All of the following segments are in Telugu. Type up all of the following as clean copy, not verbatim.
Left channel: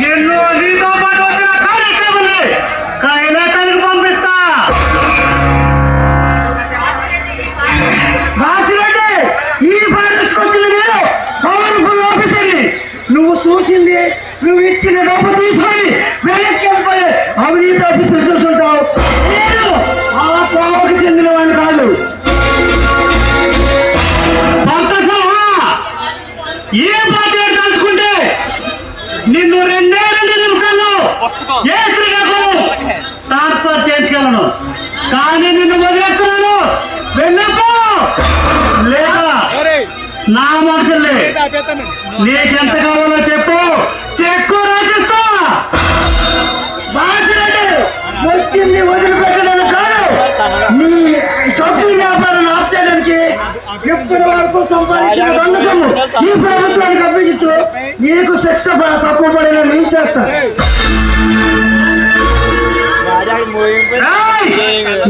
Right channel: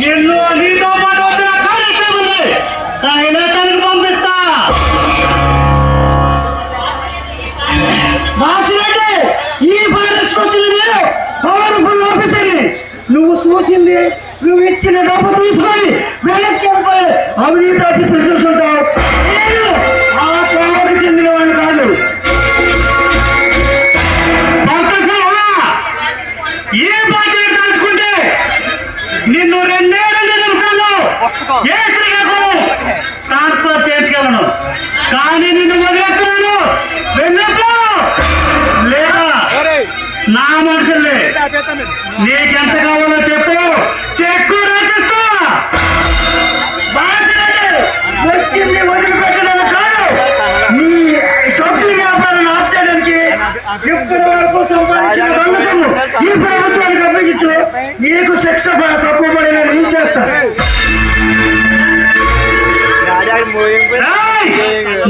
నిన్ను నీతో పాటు వచ్చిన కానిస్టేబుల్ని కైలాసానికి పంపిస్తా. రాసినట్టే ఈ ఫారెస్ట్ వచ్చిన నేను పవర్ఫుల్ ఆఫీసర్ని. నువ్వు చూసింది, నువ్వు ఇచ్చిన డబ్బు తీసుకొని వెనక్కి వెళ్ళిపోయి అవినీతి ఆఫీసర్ చూసుంటావు. నేను ఆ కోపకు చెందిన వాడిని కాదు. ఏ పార్టీ తలుచుకుంటే నిన్ను 2 నిమిషాల్లో ఏ శ్రీకాకుళం ట్రాన్స్ఫర్ చేయించగలను. కానీ నిన్ను వదిలేస్తున్నాను. వెళ్ళొద్దు. లేక నా మనుషుల్ని నీకెంత కావాలో చెప్పు, చెక్కు రాసిస్తా. వచ్చింది వదిలిపెట్టడం కాదు, నీ సొంత వ్యాపారం ఆపేయడానికి ఇప్పటి వరకు సంపాదించిన ఈ ప్రభుత్వానికి అప్పగించు. నీకు శిక్ష తక్కువ పడిన ఏం చేస్తా.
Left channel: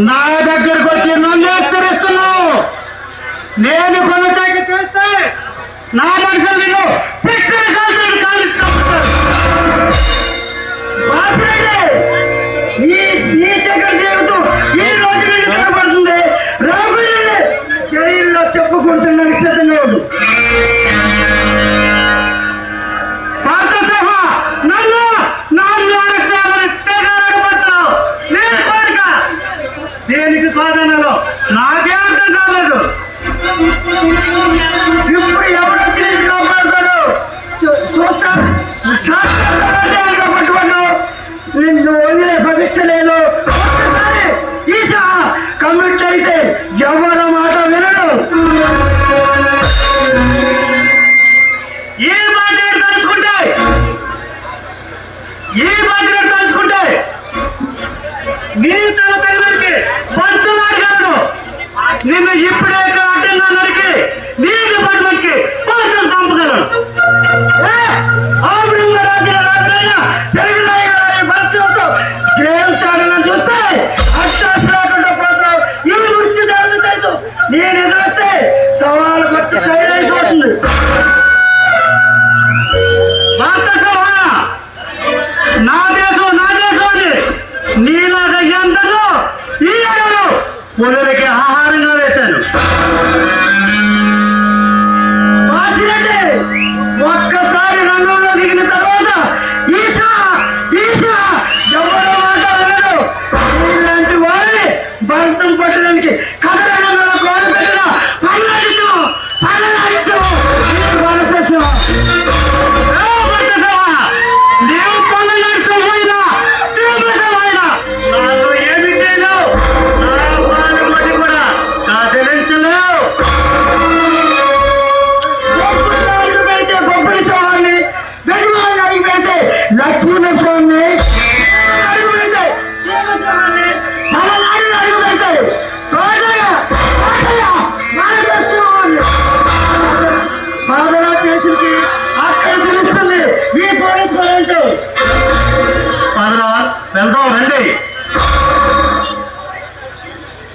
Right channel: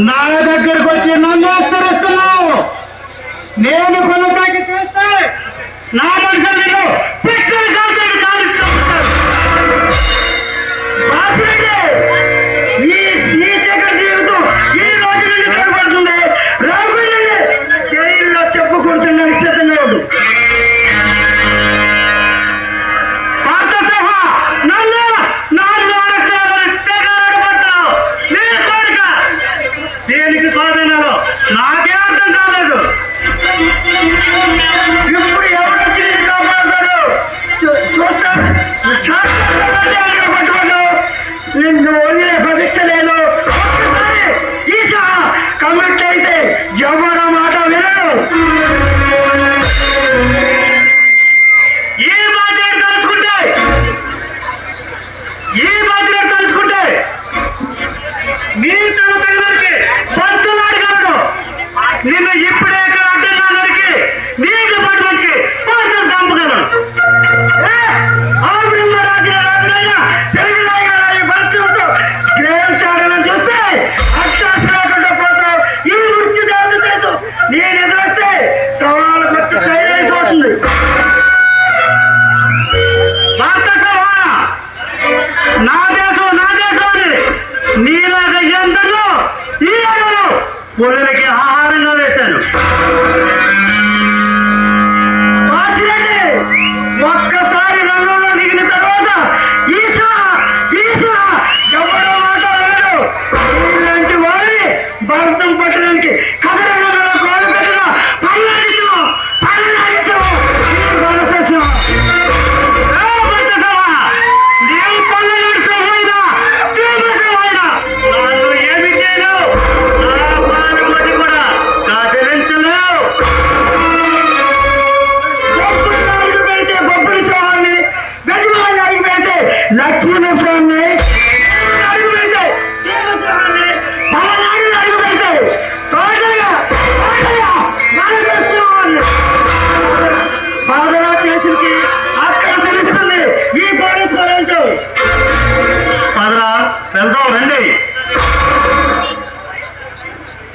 నా దగ్గరకు వచ్చి నన్ను ఆశ్చర్యిస్తున్నావు. నేను కొనసాగి చేస్తే నా మనుషులు ఈ రోజు నుండి కనబడుతుంది. రాబోయే జైల్లో చెప్పుకుంటున్న నిశ్చితంగా ఉండు. దేనికి సాధనలో నాకే అర్థం కాలేదు. ఇప్పుడు ఎవరు కాపాడతాడు చూస్తాను. నిన్ను వదిలే పరీక్ష లేదు. ఈసా కమిట్ అయితే ఎవరి మాట వినదు. ఈ బాధ్యత తలుచుకుంటే నీ పిల్లలకి బతుకులాడు కాదు. నిన్ను ఇప్పుడే ఇక్కడ అడ్డంగా నరికి నీ డిపార్ట్మెంట్కి పోలీసులు పంపగలను. రాజుల రాజులైనా తెలుగు నాయకుల పరిచయంతో గేమ్స్ ఆడాలని చూస్తే అక్షాస్ లేకుండా పోతావు. ఈ వృత్తి దాన్ని నేను ఎదురొస్తే సవాలు ఖర్చు చేయలేకపోతుంది. భారత సభ నా దేశం అని నీలాగా ఎంతలో ఈ అడలో పొలలకి ఆహారంగా వేశాను. ఒక్కసారి రంగంలో దిగిన తర్వాత ఈశా ఎవరో మాట వినడు. ఇలాంటి వారిని భరతం పట్టడానికి కథలలో కోరు పెట్టిన పల్లడిస్తాం లక్ష్మీనరసింహాన్ని అడుగు పెడితే శ్రీనరసింహాన్ని పలనాడు అడుగు పెడితే కేసుకి అక్కడ ఈ పోలీసు పదరా వెళ్దాం రండి.